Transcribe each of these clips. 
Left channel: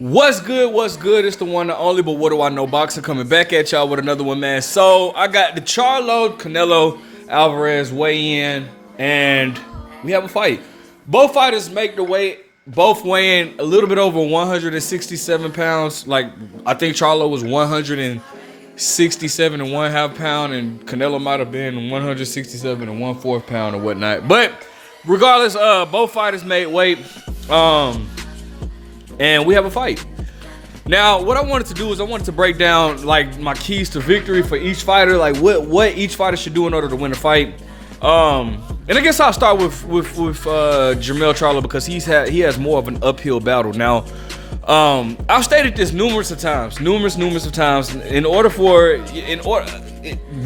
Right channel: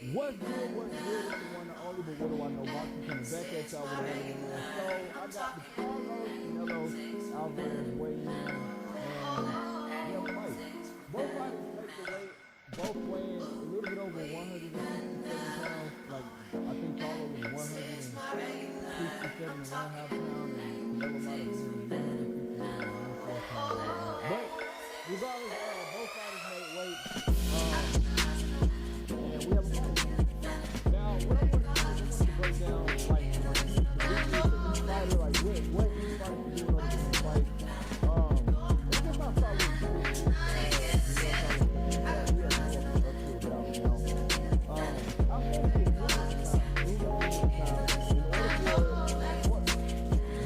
What's good? What's good? It's the one and only, but what do I know? Boxer coming back at y'all with another one, man. So I got the Charlo, Canelo, Alvarez weigh in, and we have a fight. Both fighters make the weight, both weighing a little bit over 167 pounds. Like, I think Charlo was 167 and 1/2 pound, and Canelo might have been 167 and 1/4 pound or whatnot. But regardless, both fighters made weight. And we have a fight. Now, what I wanted to do is I wanted to break down like my keys to victory for each fighter, like what each fighter should do in order to win a fight. And I guess I'll start with Jermell Charlo because he has more of an uphill battle. Now, I've stated this numerous of times.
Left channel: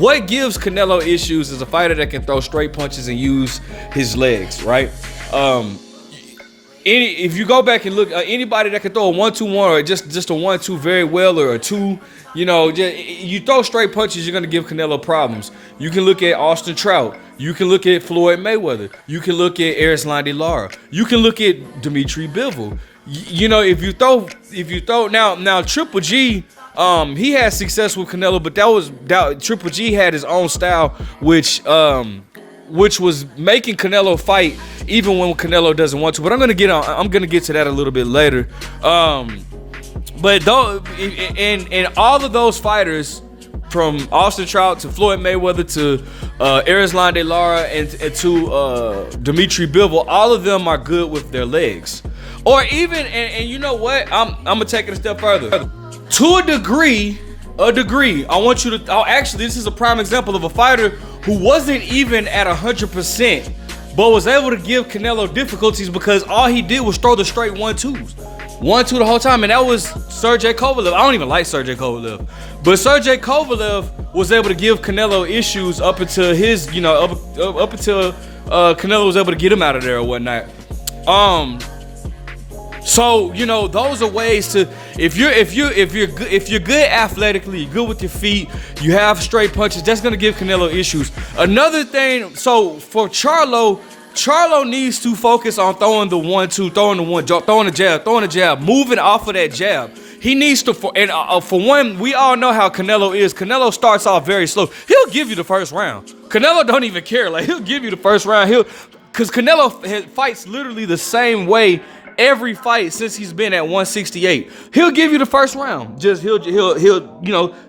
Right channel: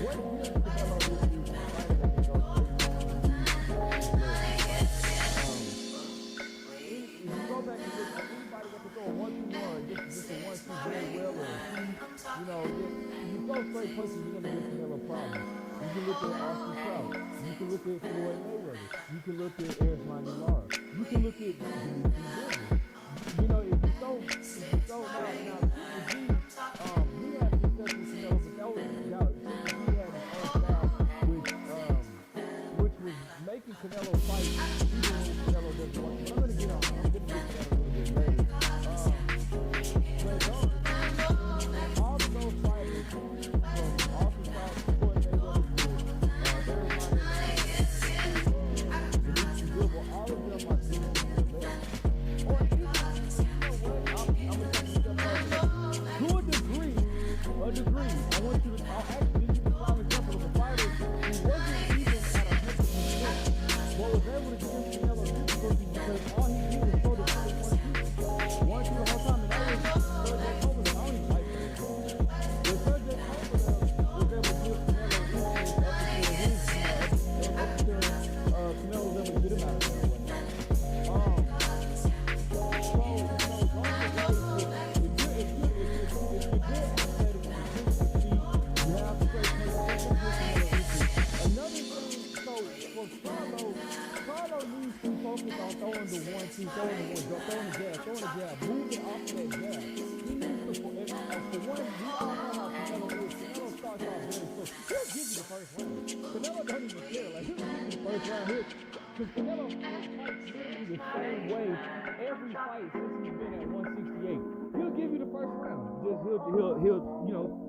What gives Canelo issues is a fighter that can throw straight punches and use his legs, right? If you go back and look, anybody that can throw a 1-2-1 or just a 1-2 very well, or a 2, you throw straight punches, you're gonna give Canelo problems. You can look at Austin Trout. You can look at Floyd Mayweather. You can look at Erislandy Lara. You can look at Dimitri Bivol. If you throw now Triple G, he had success with Canelo, but Triple G had his own style, which was making Canelo fight even when Canelo doesn't want to. But I'm gonna get to that a little bit later. But though, in all of those fighters, from Austin Trout to Floyd Mayweather to Erislandy Lara and to Dimitri Bivol, all of them are good with their legs. Or even, and you know what? I'm gonna take it a step further. To a degree, I want you to. Actually, this is a prime example of a fighter who wasn't even at 100%, but was able to give Canelo difficulties because all he did was throw the straight 1-2s. 1-2 the whole time, and that was Sergey Kovalev. I don't even like Sergey Kovalev, but Sergey Kovalev was able to give Canelo issues up until Canelo was able to get him out of there or whatnot. So those are ways to, if you're good athletically, you're good with your feet, you have straight punches, that's gonna give Canelo issues. Another thing, so for Charlo needs to focus on throwing the 1-2, throwing the jab, moving off of that jab. He needs to, for one, we all know how Canelo is. Canelo starts off very slow. He'll give you the first round. Canelo don't even care. Like, he'll give you the first round. Because Canelo fights literally the same way every fight since he's been at 168. He'll give you the first round. Just he'll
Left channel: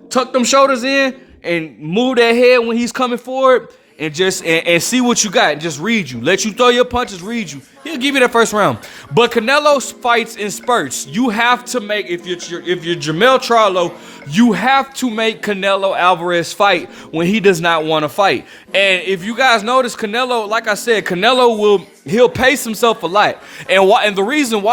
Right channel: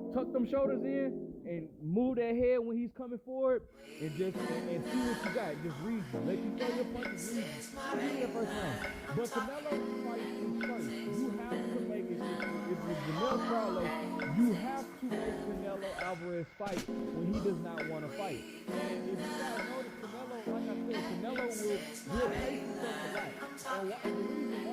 tuck them shoulders in and move that head when he's coming forward, and just and see what you got and just read you. Let you throw your punches, read you. He'll give you that first round. But Canelo fights in spurts. You have to make, if you're Jermell Charlo, you have to make Canelo Alvarez fight when he does not want to fight. And if you guys notice, Canelo, like I said, he'll pace himself a lot. And the reason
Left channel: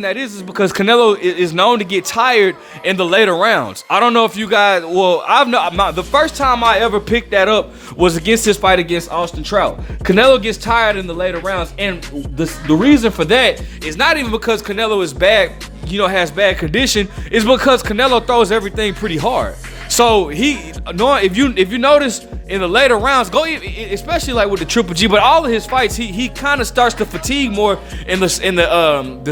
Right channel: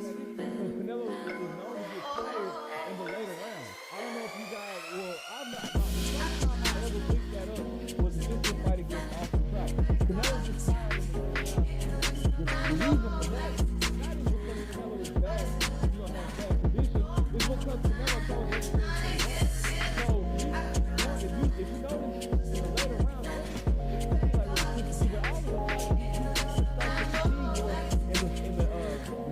that is because Canelo is known to get tired in the later rounds. I don't know if you guys, the first time I ever picked that up was against his fight against Austin Trout. Canelo gets tired in the later rounds, and the reason for that is not even because Canelo is bad, has bad condition. It's because Canelo throws everything pretty hard. So if you notice in the later rounds, especially like with the Triple G, but all of his fights, he kind of starts to fatigue more in the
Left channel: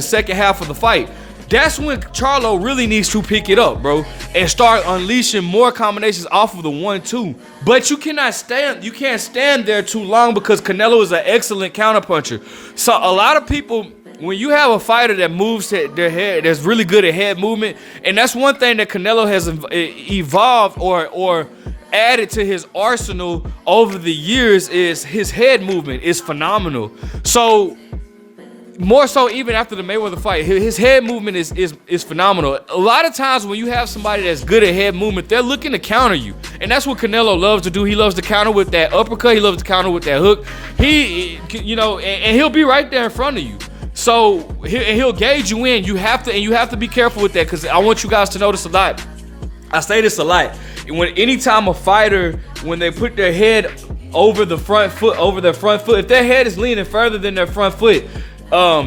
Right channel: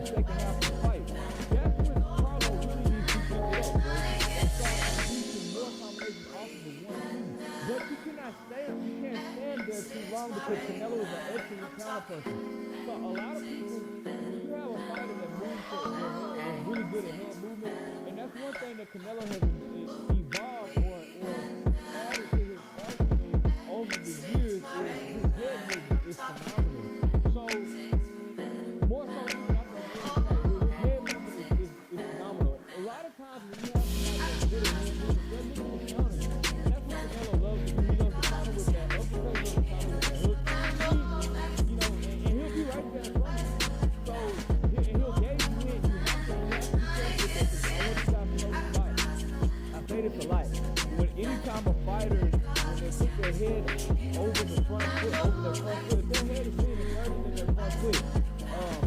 second half of the fight. That's when Charlo really needs to pick it up, bro, and start unleashing more combinations off of the 1-2. But you can't stand there too long because Canelo is an excellent counterpuncher. So a lot of people, when you have a fighter that moves their head, that's really good at head movement, and that's one thing that Canelo has evolved or added to his arsenal over the years, is his head movement is phenomenal. So more so even after the Mayweather fight, his head movement is phenomenal. A lot of times when you have somebody that's good at head movement, they're looking to counter you. And that's what Canelo loves to do. He loves to counter with that uppercut. He loves to counter with that hook. And he'll be right there in front of you. So he'll gauge you in. You have to be careful with that, because I want you guys to notice a lot. I say this a lot. Anytime a fighter, when they put their head over their front foot, if their head is leaning further than their front foot,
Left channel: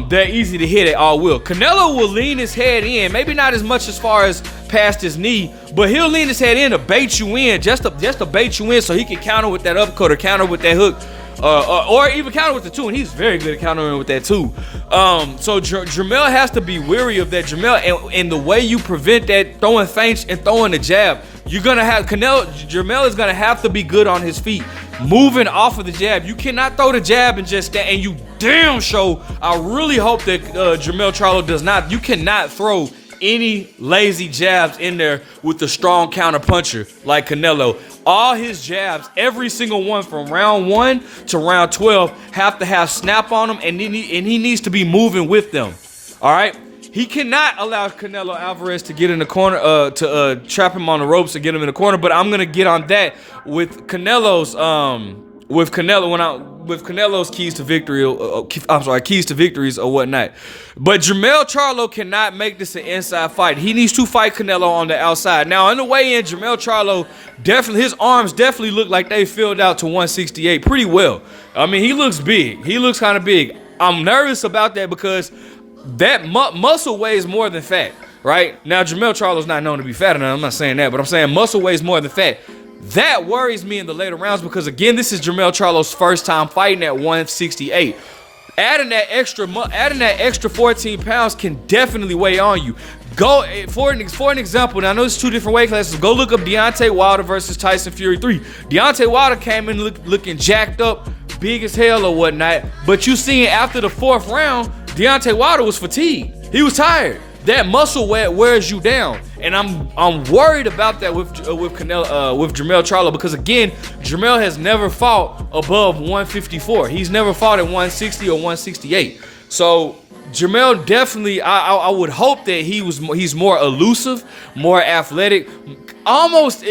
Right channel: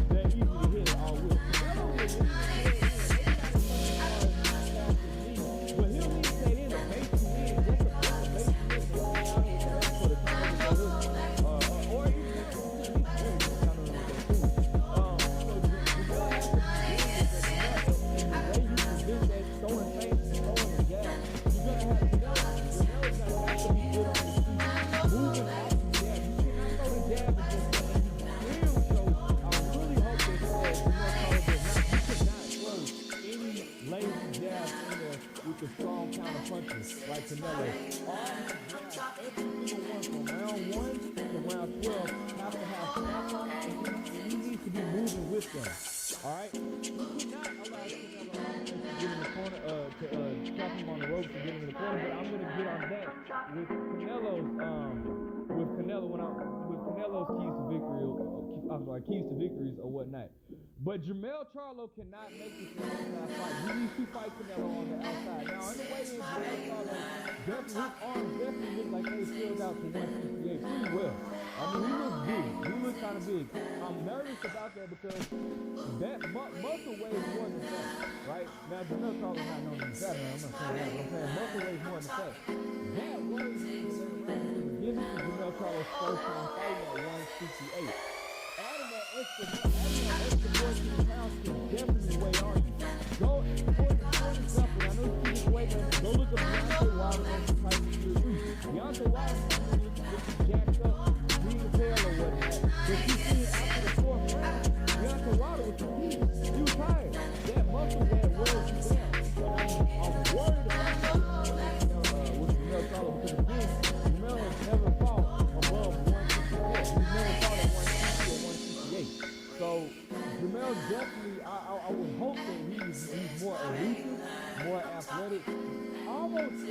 they're easy to hit at all will. Canelo will lean his head in, maybe not as much as far as past his knee, but he'll lean his head in to bait you in, just to bait you in so he can counter with that uppercut or counter with that hook. or even counter with the 2, and he's very good at countering with that too. So Jermell has to be weary of that. Jermell, and the way you prevent that, throwing feints and throwing the jab, you're gonna have Jermell is gonna have to be good on his feet, moving off of the jab. You cannot throw the jab and just stand. And you damn sure, I really hope that Jermell Charlo does not. You cannot throw any lazy jabs in there with the strong counter puncher like Canelo. All his jabs, every single one from round 1 to round 12, have to have snap on them, and he needs to be moving with them. All right. He cannot allow Canelo Alvarez to get in the corner, to trap him on the ropes and get him in the corner. But I'm gonna get on that with Canelo's, with Canelo's keys to victory. Keys to victories or whatnot. But Jermell Charlo cannot make this an inside fight. He needs to fight Canelo on the outside. Now, on the way in, Jermell Charlo his arms definitely look like they filled out to 168 pretty well. I mean, he looks big. He looks kind of big. I'm nervous about that because that muscle weighs more than fat, right? Now, Jermell Charlo's not known to be fat enough. I'm not saying that, but I'm saying muscle weighs more than fat. That worries me in the later rounds because, again, this is Jermell Charlo's first time fighting at 168. Adding that extra 14 pounds can definitely weigh on you. Go for an example. Now I know it's 2 different weight classes. Go look up Deontay Wilder versus Tyson Fury 3. Deontay Wilder came in looking jacked up, big as hell or whatnot. But you see, after the 4th round, Deontay Wilder was fatigued. He was tired. That muscle wears you down, and I'm worried about that with Jermell Charlo because, again, Jermell has never fought above 154. He's never fought at 160 or 168. So Jermell definitely, I would hope that he's more elusive, more athletic, almost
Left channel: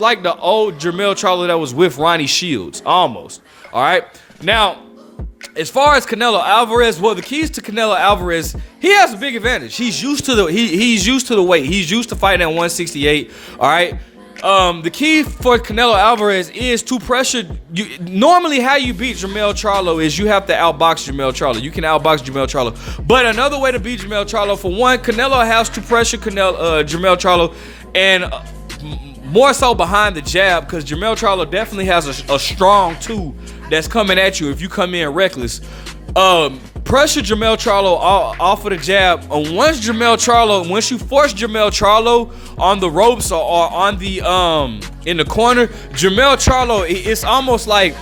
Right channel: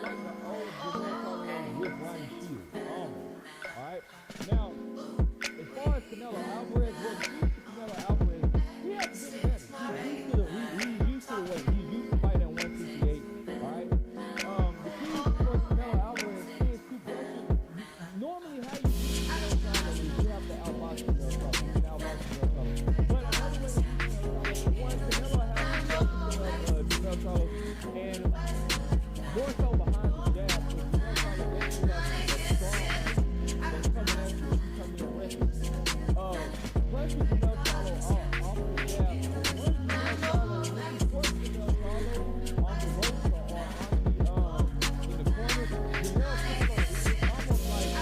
like the old Jermell Charlo that was with Ronnie Shields, almost. All right, now. As far as Canelo Alvarez, well, the keys to Canelo Alvarez, he has a big advantage. He's used to the he's used to the weight. He's used to fighting at 168. All right. The key for Canelo Alvarez is to pressure. Normally, how you beat Jermell Charlo is you have to outbox Jermell Charlo. You can outbox Jermell Charlo, but another way to beat Jermell Charlo, for one, Canelo has to pressure Jermell Charlo, and more so behind the jab, because Jermell Charlo definitely has a strong 2 that's coming at you if you come in reckless. Pressure Jermell Charlo off of the jab. Once you force Jermell Charlo on the ropes or on the in the corner, Jermell Charlo, it's almost like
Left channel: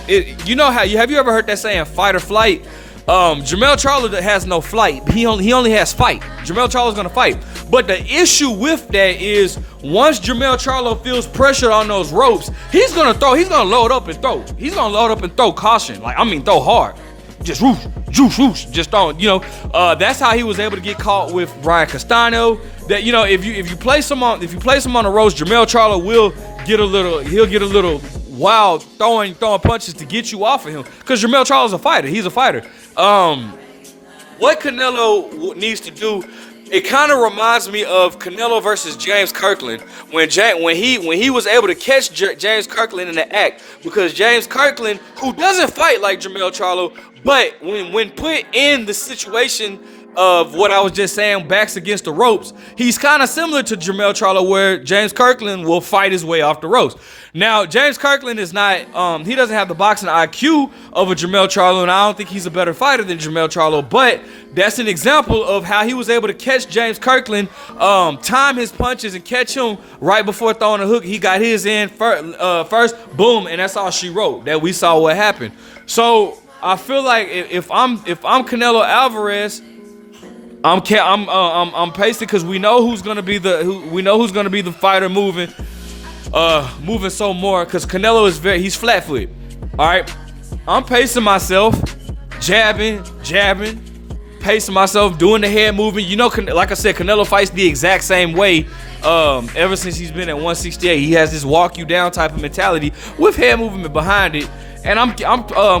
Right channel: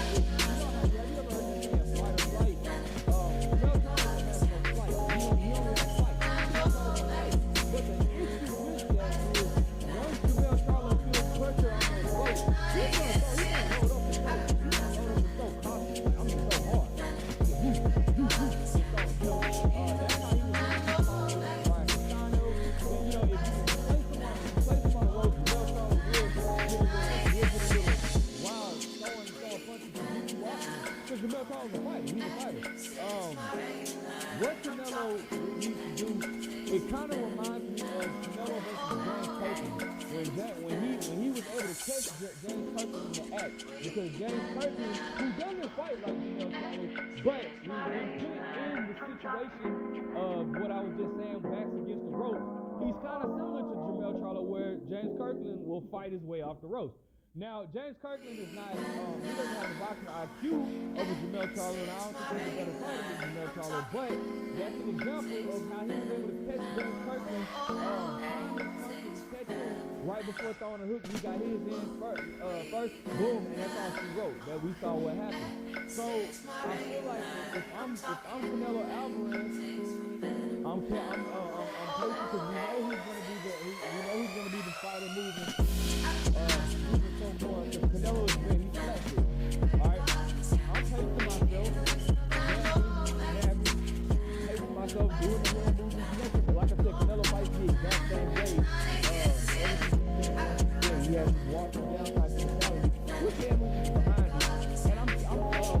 you know how have you ever heard that saying, fight or flight? Jermell Charlo has no flight. He only has fight. Jermell Charlo's gonna fight. But the issue with that is once Jermell Charlo feels pressure on those ropes, he's gonna load up and throw. He's gonna load up and throw caution. Throw hard. Just whoosh, whoosh, just throwing, that's how he was able to get caught with Brian Castano. That, if you place him on the ropes, Jermell Charlo will get a little wild throwing punches to get you off of him. Because Jermell Charlo's a fighter. He's a fighter. What Canelo needs to do, it kind of reminds me of Canelo versus James Kirkland when he was able to catch James Kirkland in the act, because James Kirkland, who doesn't fight like Jermell Charlo, but when put in the situation of what I was just saying, backs against the ropes, he's kind of similar to Jermell Charlo, where James Kirkland will fight his way off the ropes. Now, James Kirkland is not, he doesn't have the boxing IQ of a Jermell Charlo, and I don't think he's a better fighter than Jermell Charlo, but that's an example of how he was able to catch James Kirkland, time his punches and catch him right before throwing a hook. He got his in first, boom, and that's all she wrote, that we saw what happened. So I feel like if I'm Canelo Alvarez, I'm pacing, because we know who's gonna be the fighter moving some more, because Canelo he's flat-footed. All right, I'm pacing myself, jabbing, pacing myself, doing the head movement. Like I said, Canelo fights the exact same way. Ever since he's been at 168, he has this walk you down type of mentality with head movement behind it. And I'm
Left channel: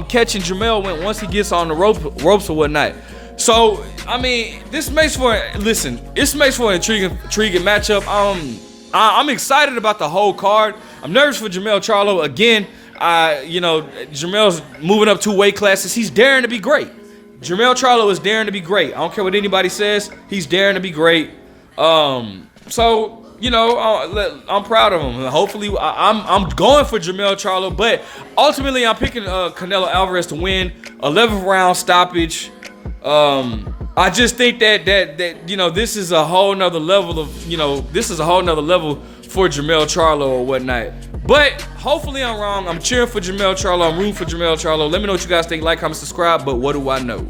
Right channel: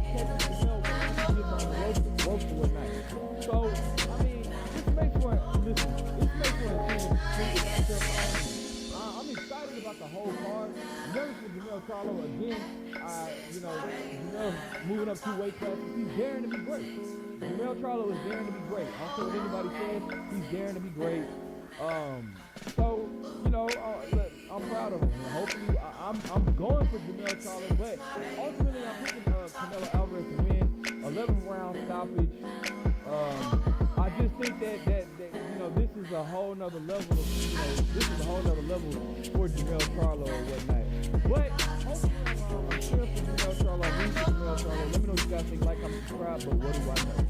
catching Jermell once he gets on the ropes or whatnot. So, I mean, this makes for an intriguing matchup. I'm excited about the whole card. I'm nervous for Jermell Charlo. Again, Jermell's moving up 2 weight classes. He's daring to be great. Jermell Charlo is daring to be great. I don't care what anybody says. He's daring to be great. So, you know, I'm proud of him. Hopefully, I'm going for Jermell Charlo, but ultimately, I'm picking Canelo Alvarez to win. 11th round stoppage. I just think that you know, this is a whole nother level of, you know, this is a whole nother level for Jermell Charlo or whatnot. But hopefully I'm wrong. I'm cheering for Jermell Charlo. I'm rooting for Jermell Charlo. Let me know what you guys think. Like, comment, subscribe. But what do I know?